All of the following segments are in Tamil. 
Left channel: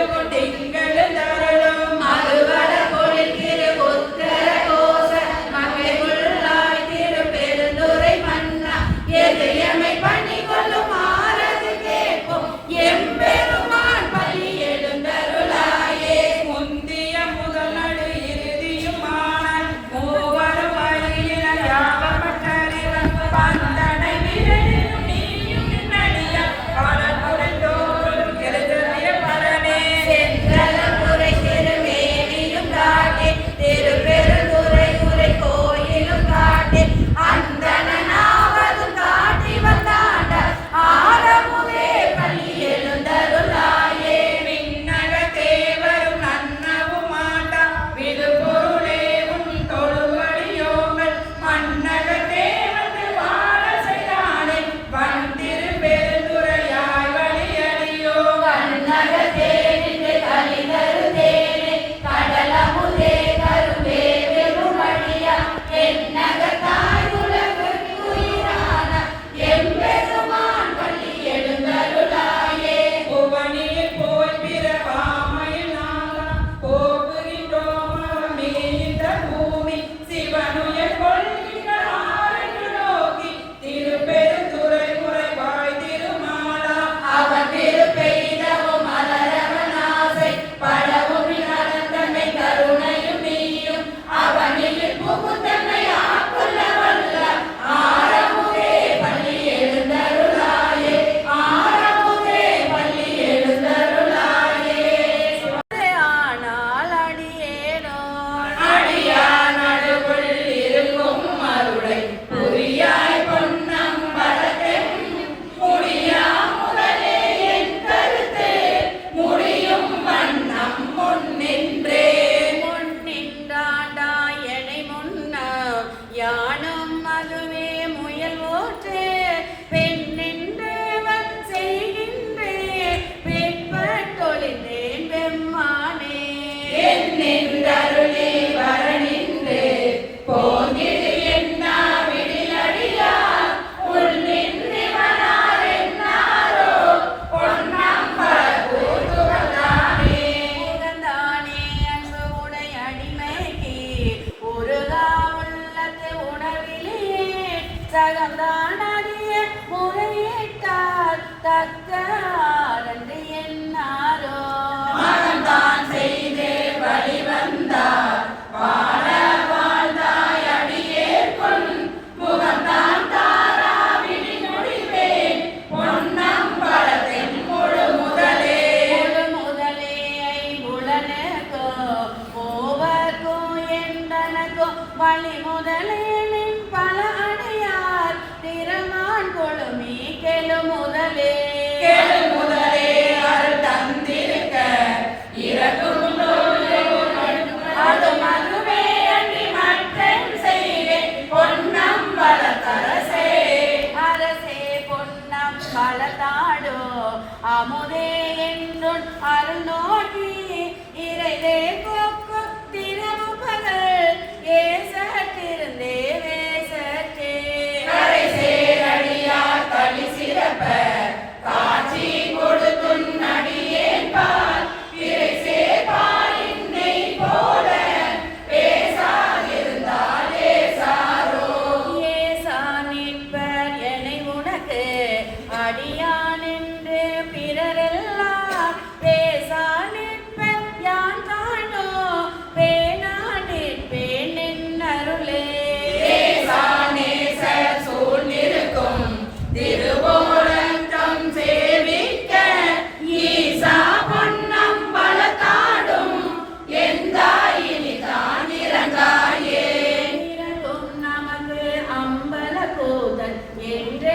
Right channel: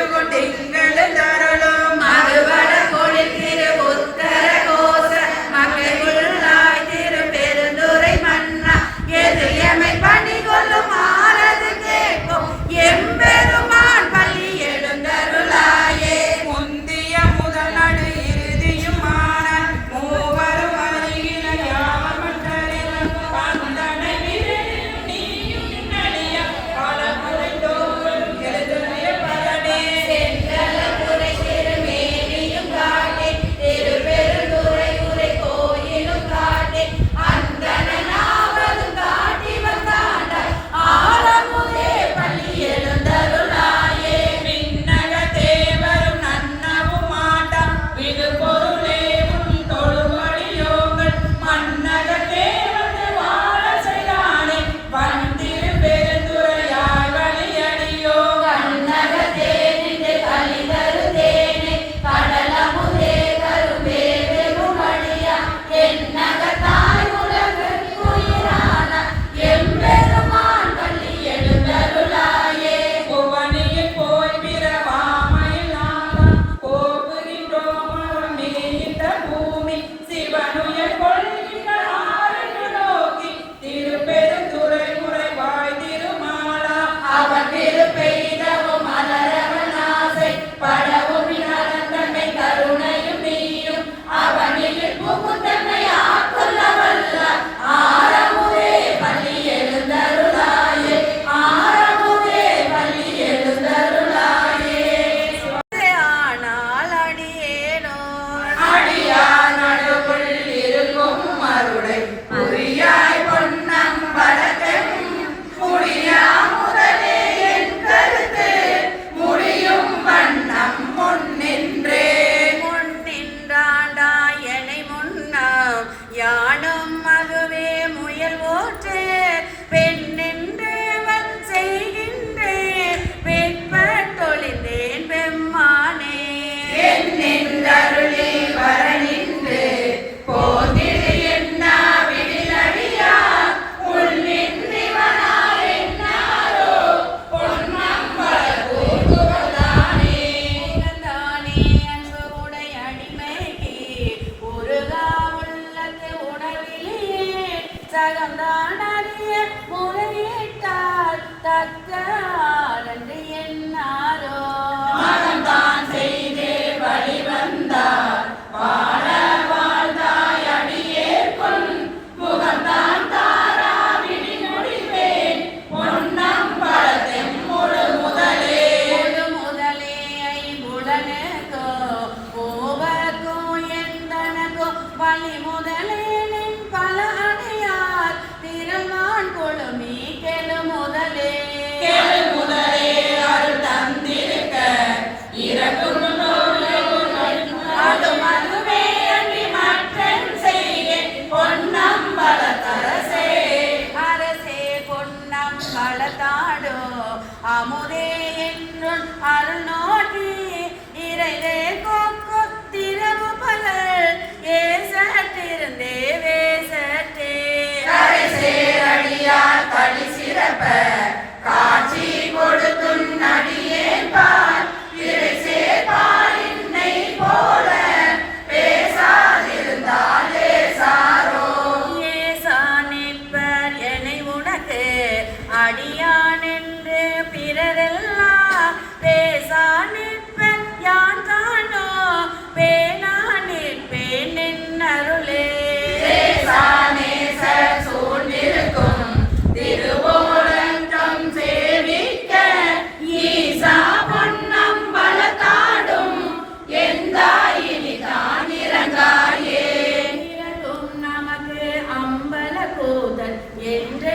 ഉപയോഗം കൊണ്ട് தகந்தான் அறிய முறையிட்டார் தக்க ஆரண்டு என்னாரோ? மகன்தான் செய்தே வழிவந்தார் வாழ আমোদে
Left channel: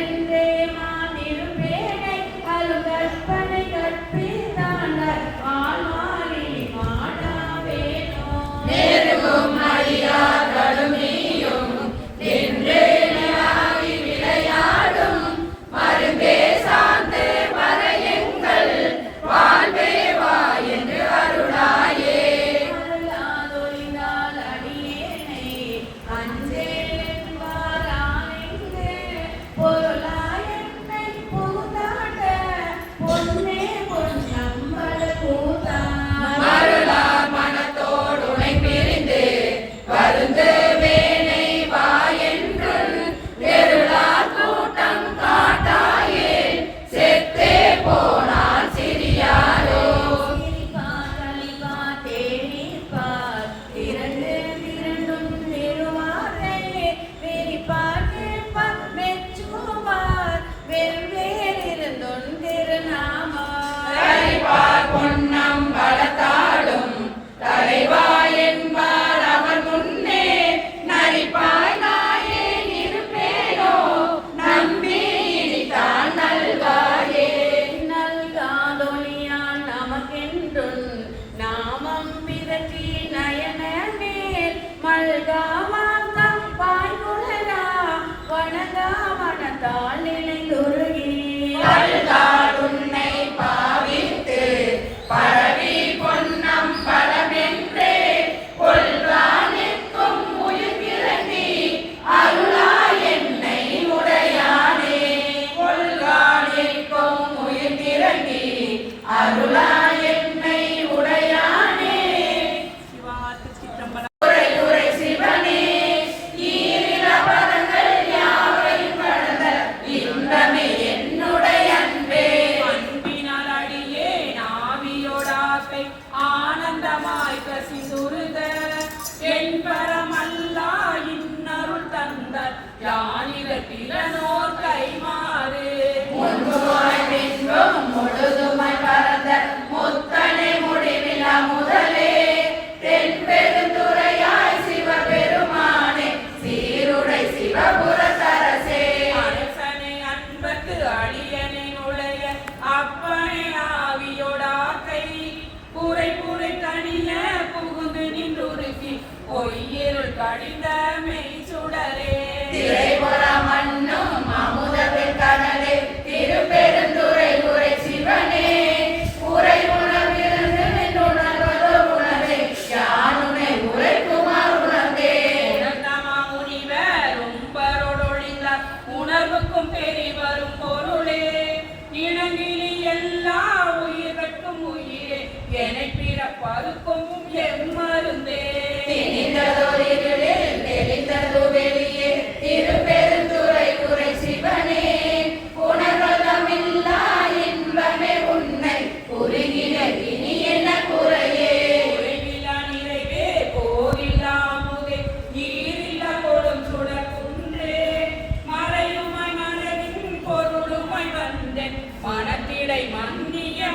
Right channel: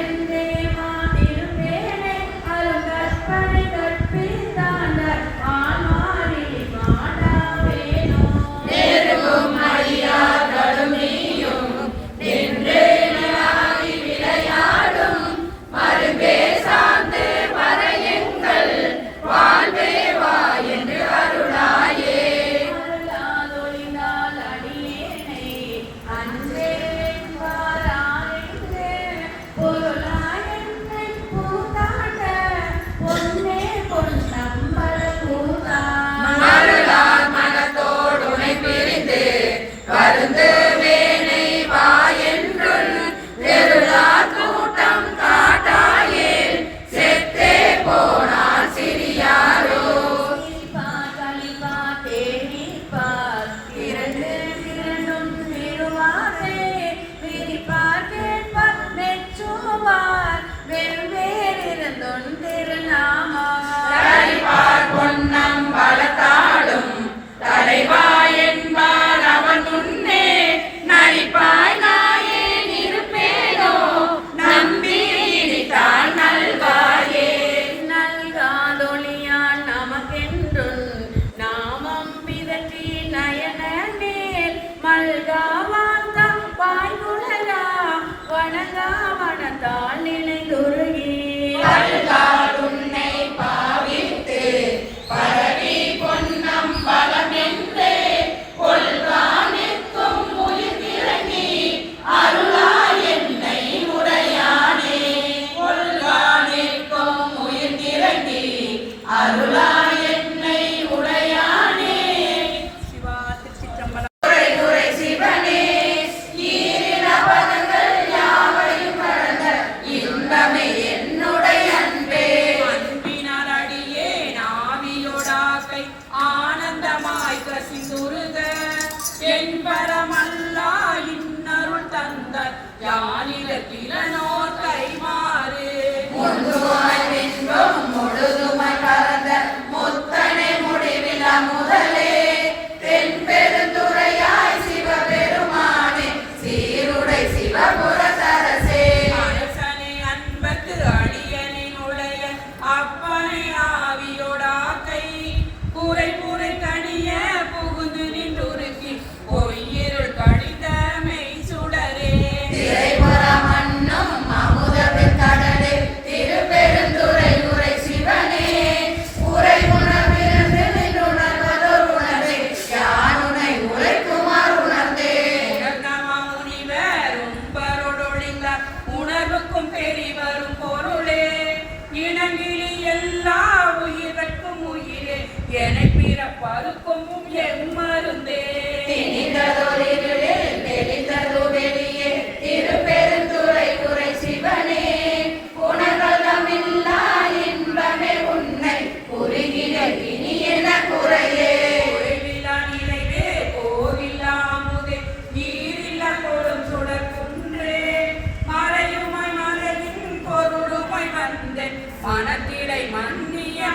grande.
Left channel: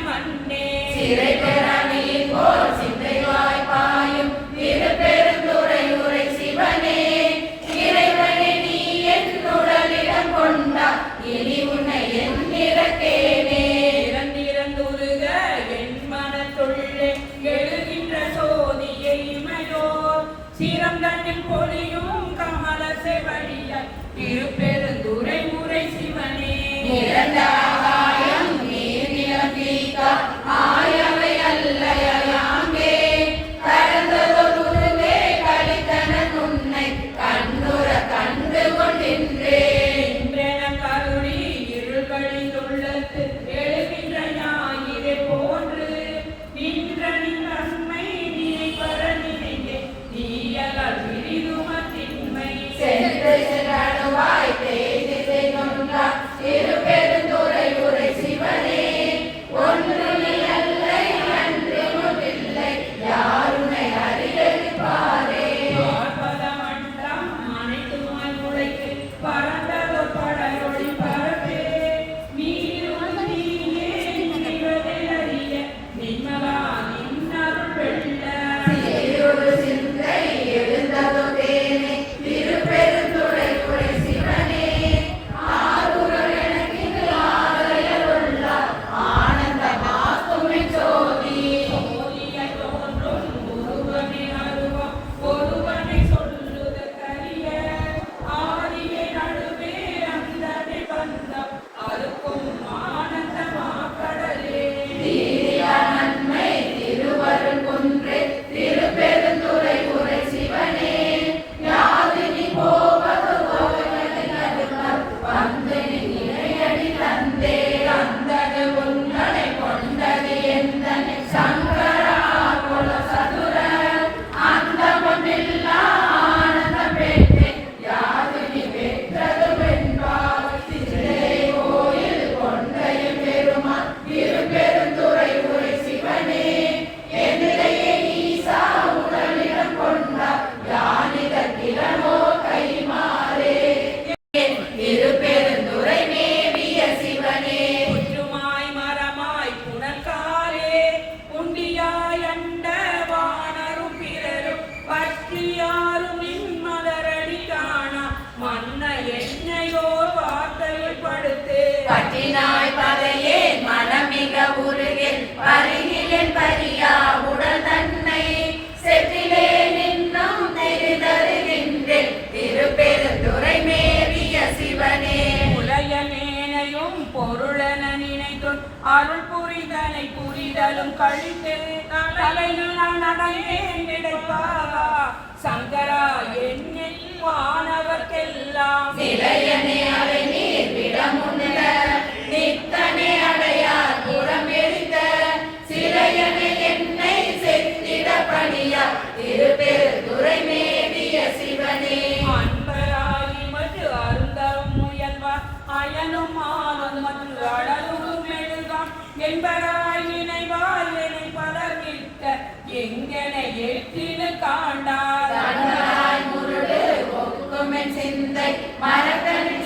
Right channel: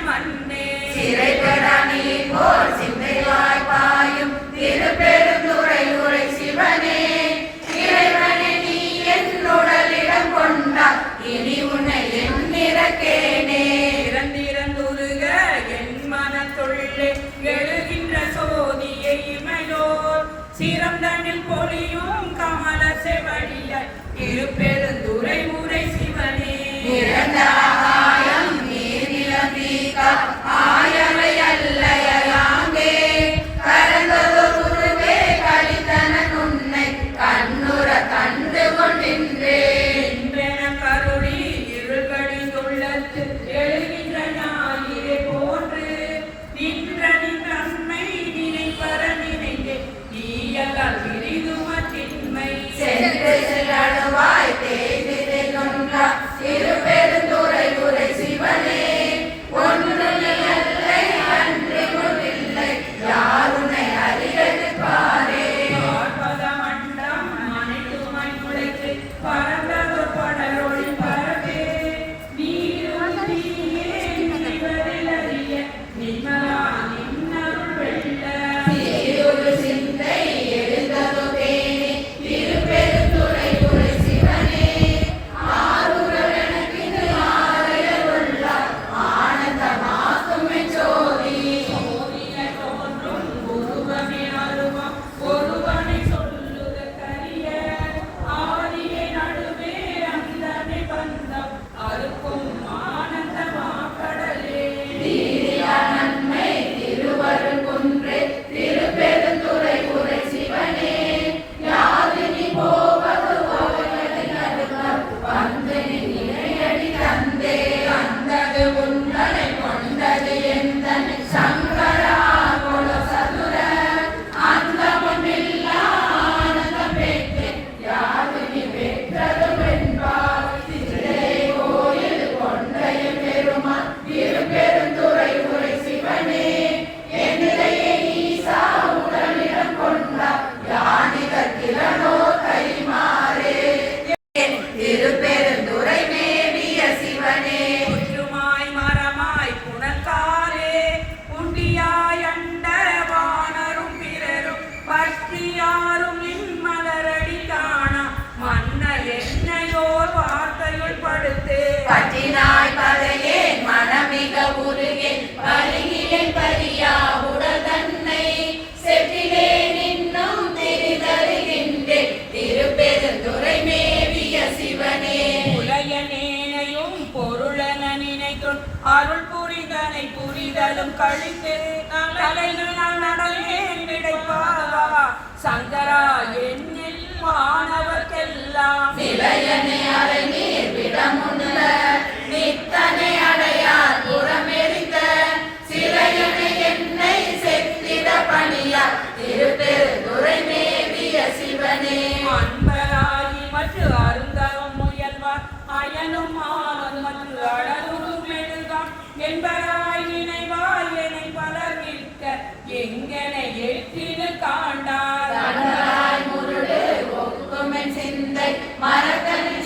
மண்ணே. சிறைபட நீ போல் சிந்தையாய் பாயும் திருப்பெருந்துரையுரை சிவனே. இறைவனே நீ என்னுடலிடம் கொண்டா இனி உன்னை என் இறக்கேனே. இறந்திறந்துருக என் மனத்துள்ளே எழுகின்ற சோதியை இமையோ. சிறந்தனில் பொழியும் கமல செவடிய திருப்பெருந்துரை உரை feira வெண்ணையோர் வார்த்தையுள் படுத்து. பற்றினாய் கதையே மனமிக உருகில் பருகிலின் பரியா உடல் தன்னை செட்டிலே நின்னும் தெரிதருகின்றேன் திருப்பெருந்துரை மேவிய சிவனே. உலக நேனையும் பொருளென நினைத்தும் அருள் புரிதனை புரிதலும் கழித்து. தலைகள் சங்கரா என்ன ஆனவர்க்கெல்லாம் சிலையனே அலை நீர் விடமுன்ன நித்தனே அடையார் புறமெரித்த சிலையனே என்னை செத்திட பணியார் திருப்பெரு துறை மேவிய சிவனே. அன்பராகி மற்ற அருந்தரும் முயல்வார் அயனும் ஆளும் மற்ற அழகும் மெழுகாம் என்பராயினை வாழ்வினை பலர் நிற்க எங்கனை எட்டினு காண்டார். மரக்கன்று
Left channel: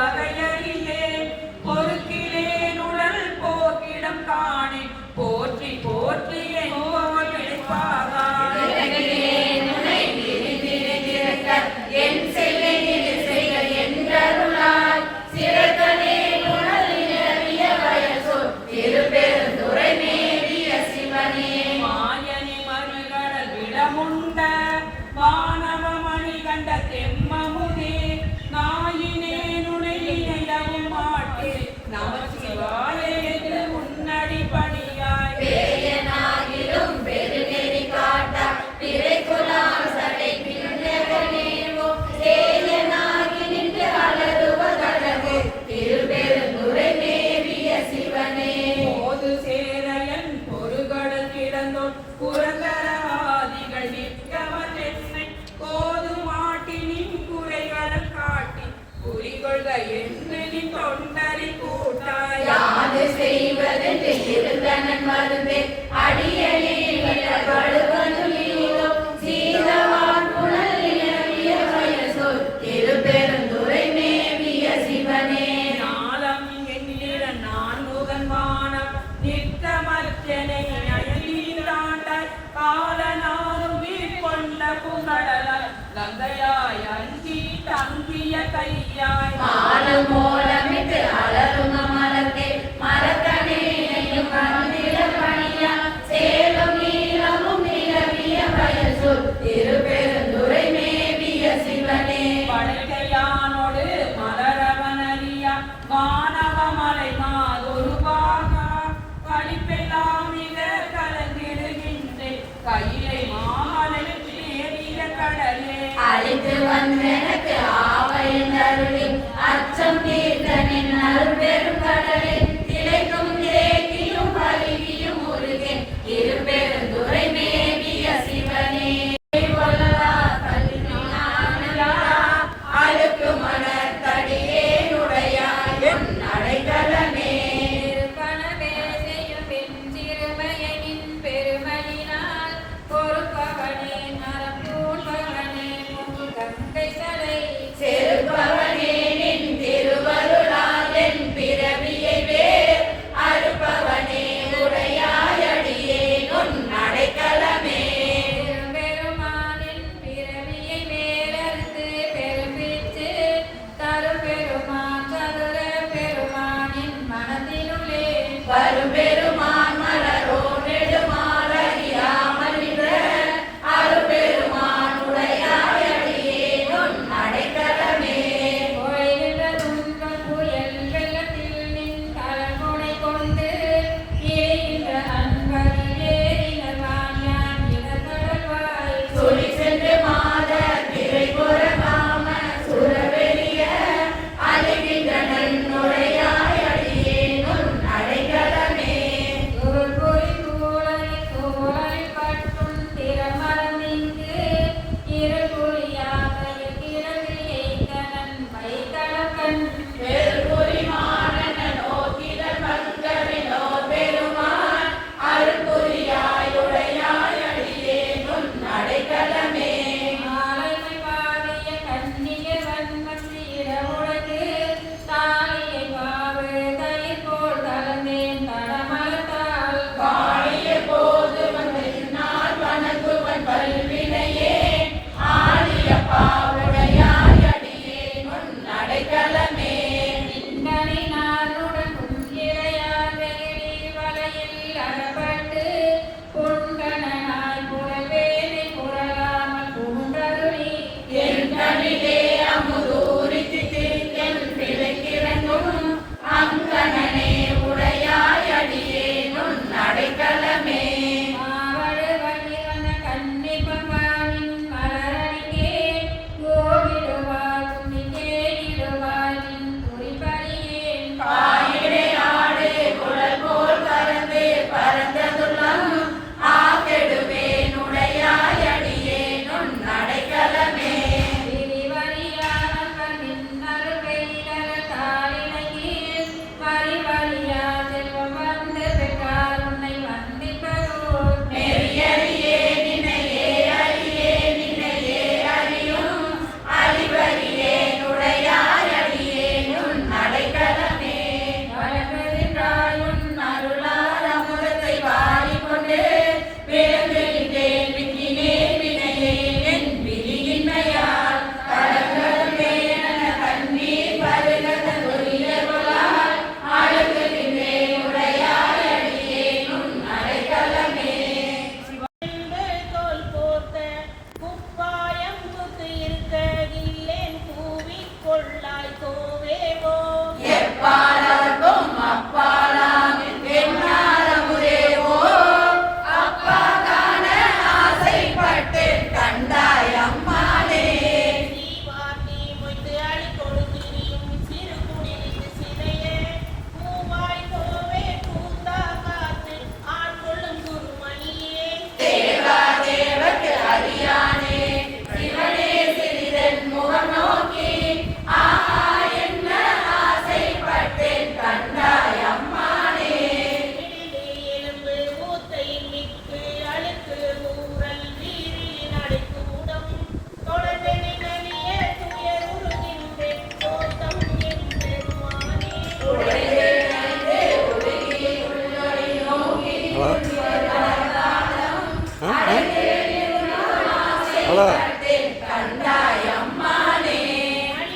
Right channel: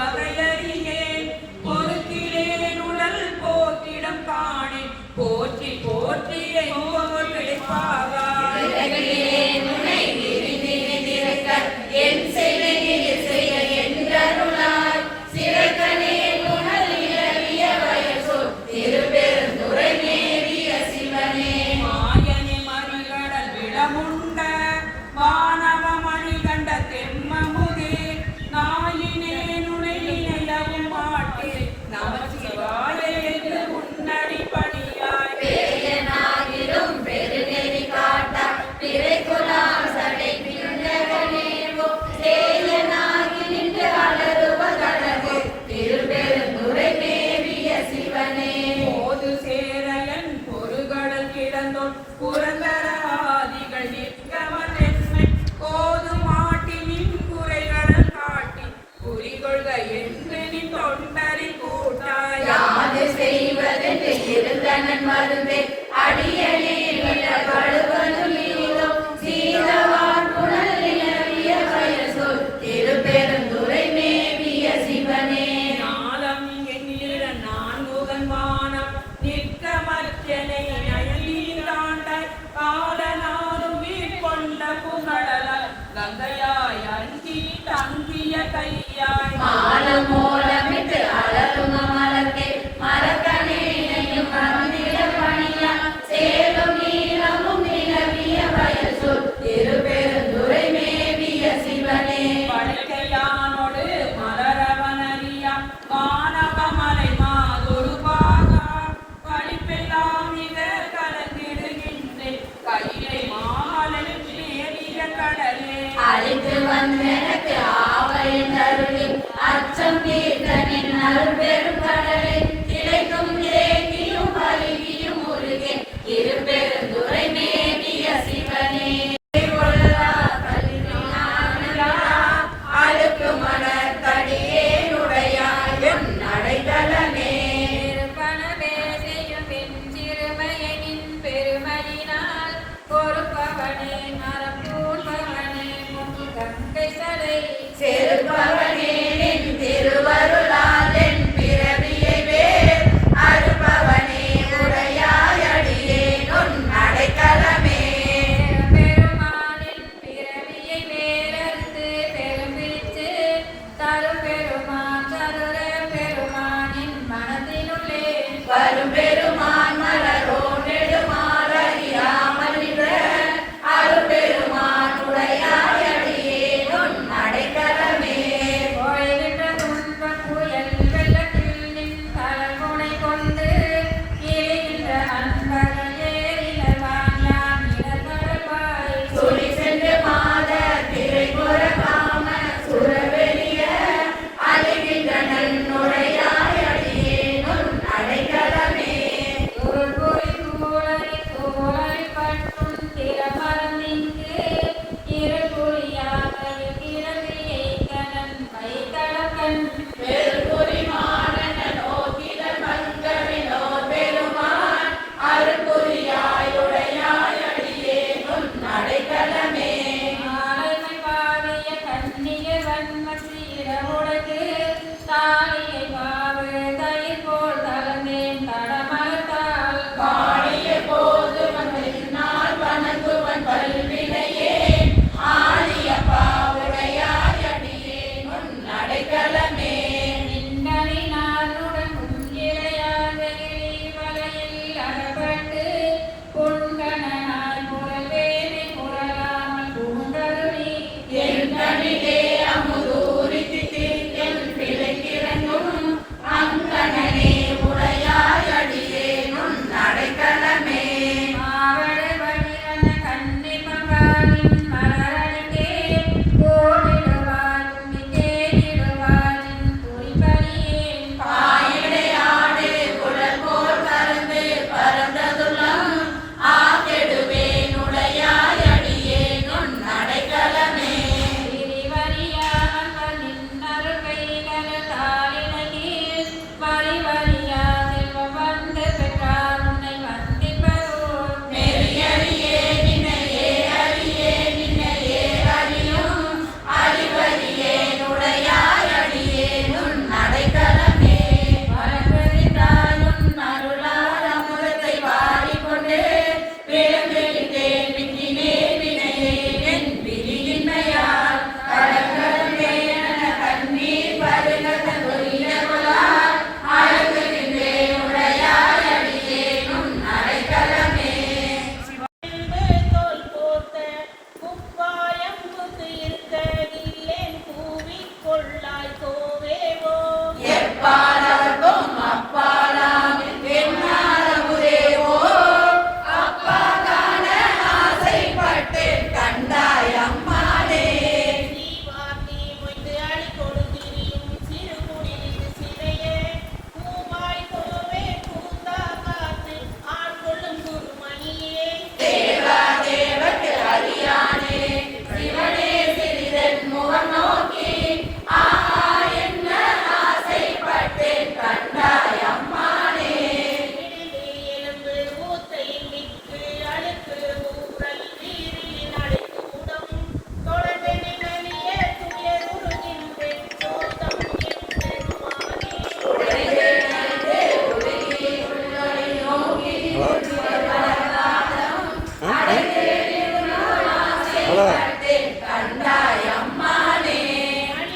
பகலறியே பொறுக்கிலேன் உடல் போக்கிடம் காணி போற்றி போற்றி. எங்களின் தொண்டரில் கூட்டாய் யாது செய்வது பெருந்தனன் மருவே அடியடி அழித்து வந்தேனக்கு ஆவலின் அருளில் அச்சம் தீர்த்தனின் அருள் பெரும் கடலில் Quero ver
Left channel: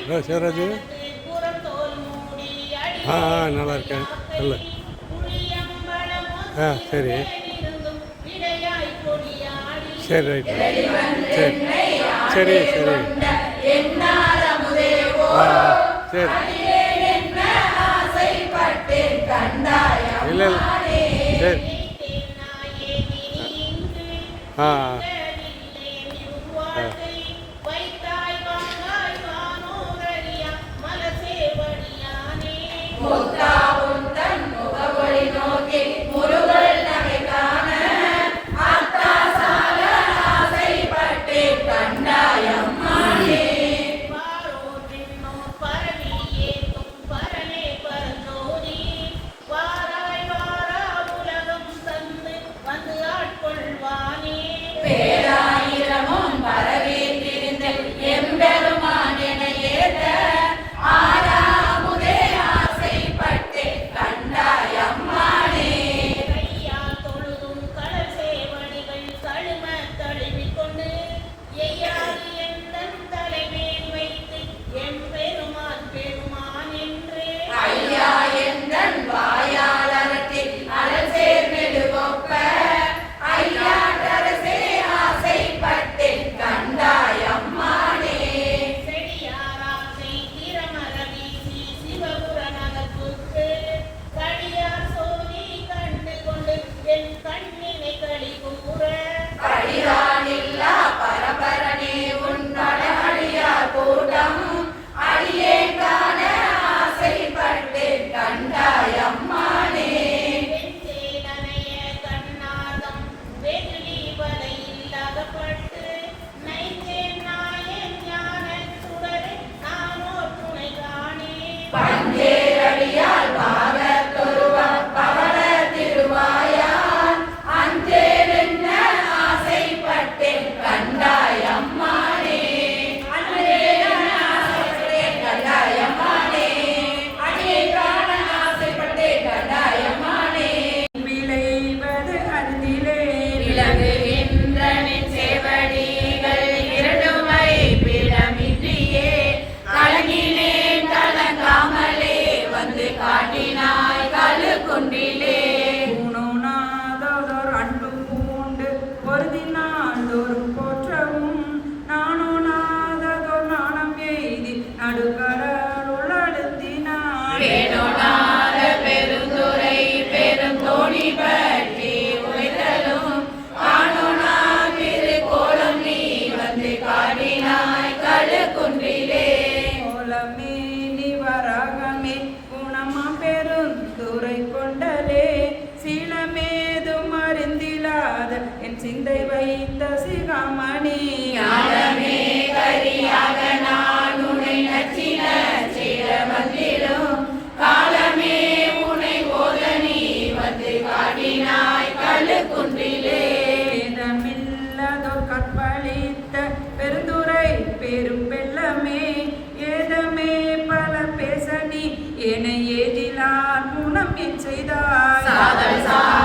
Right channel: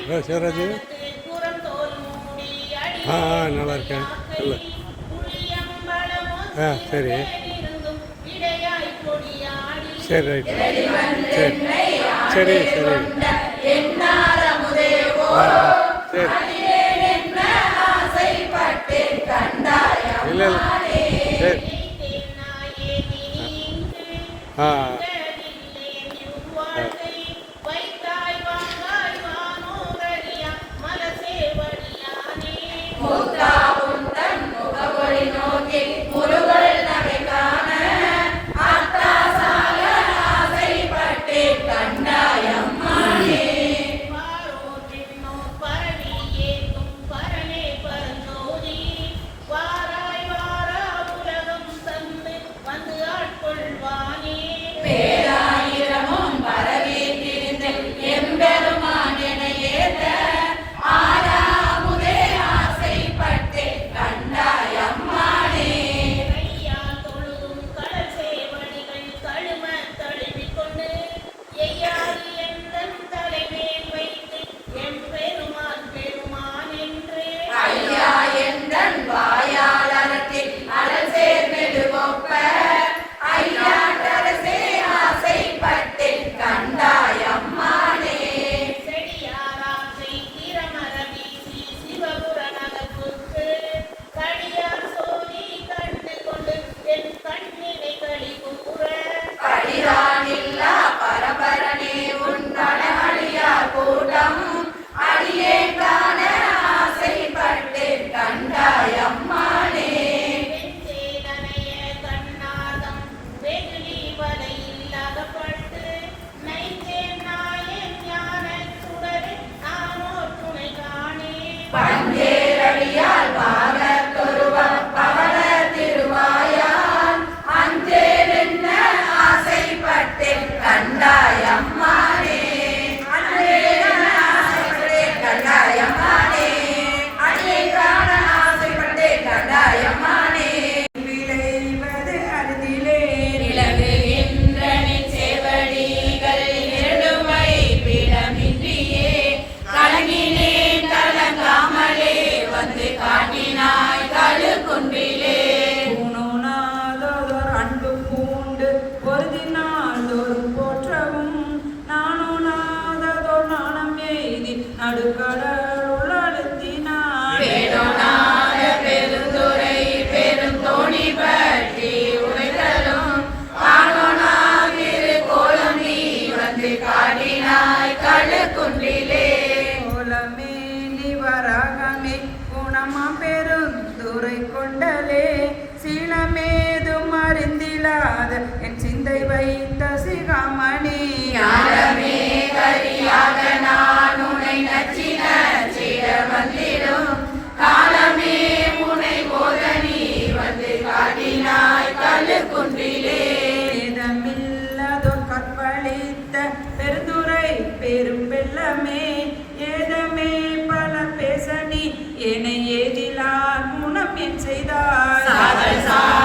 ஹலோ சிவராஜ். ஆ ஆ நல்லா இருக்கேன். நல்ல ஆ சரி. சரி ரைட். சரி. சரி சரி. ஆ சரி. இல்லை இல்லை. சரி. ஆ. பெரும் வெள்ளமே ஏதமே பல பேசணி என ஏதிலார் முனம் என் செய்தார்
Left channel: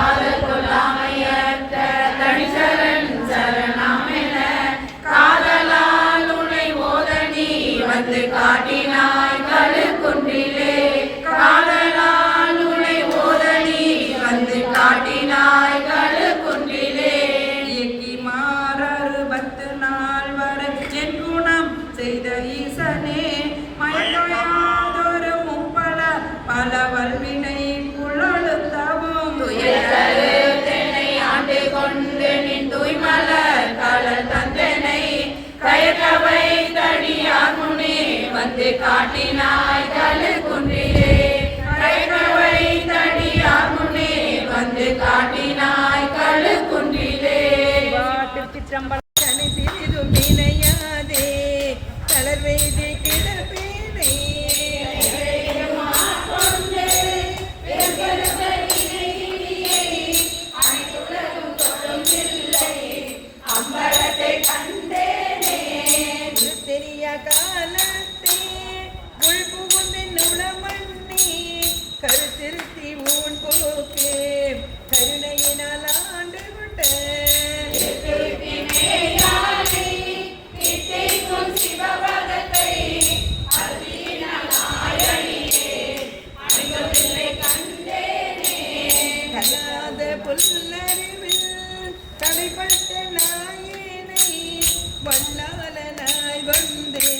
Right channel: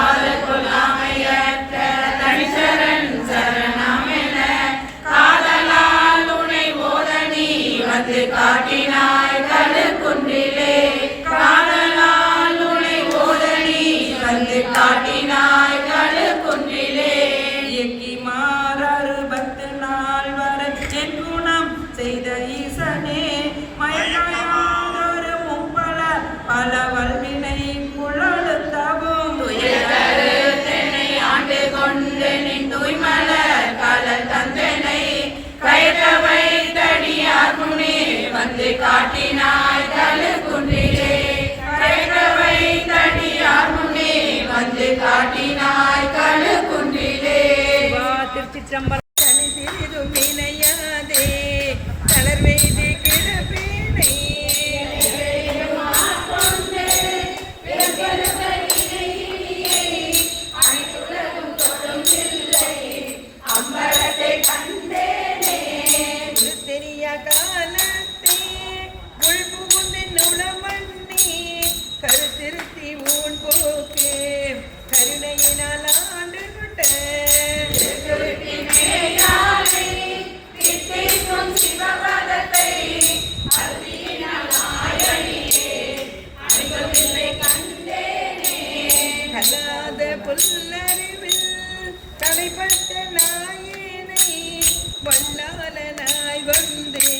வாழ்வந்தே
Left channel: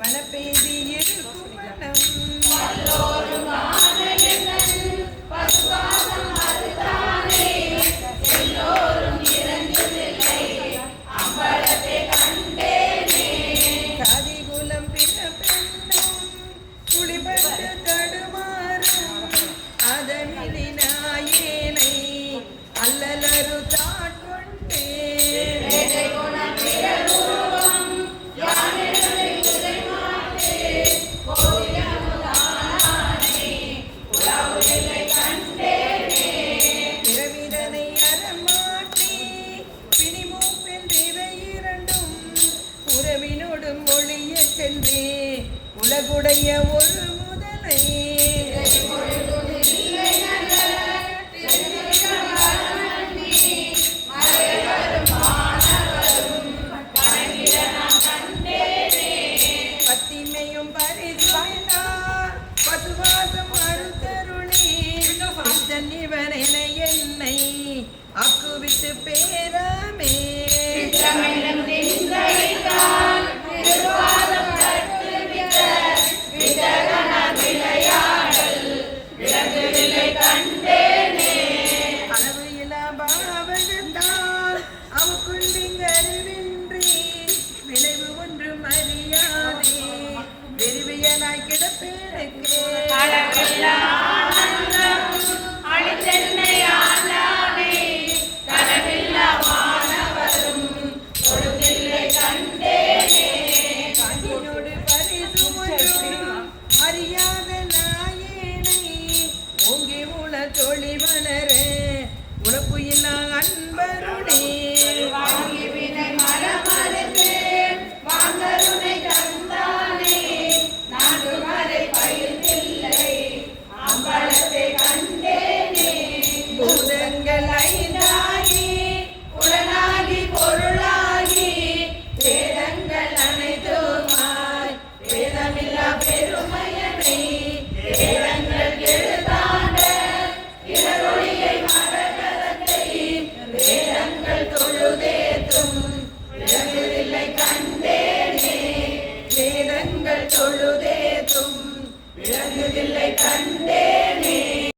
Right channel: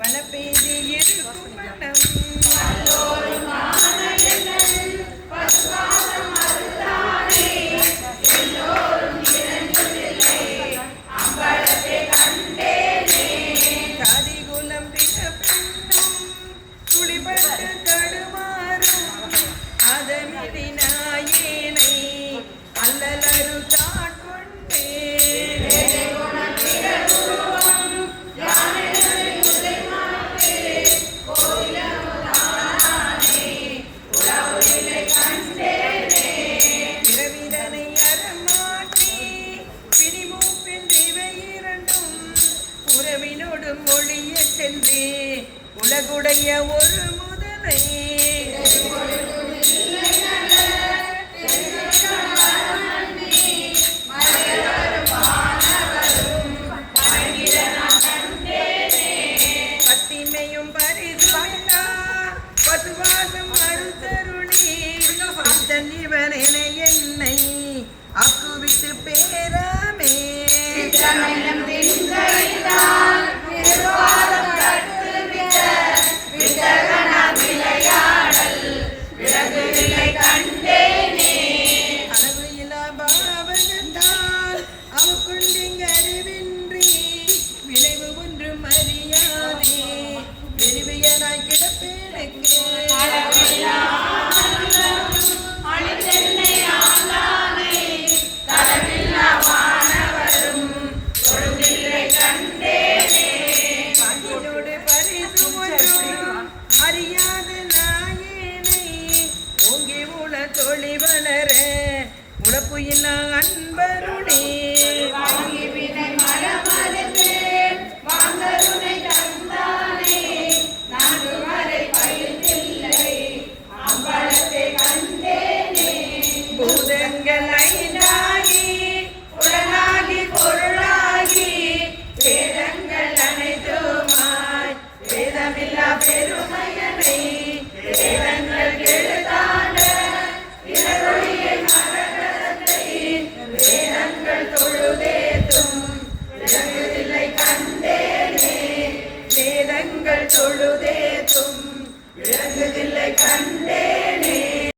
வனப்பேதே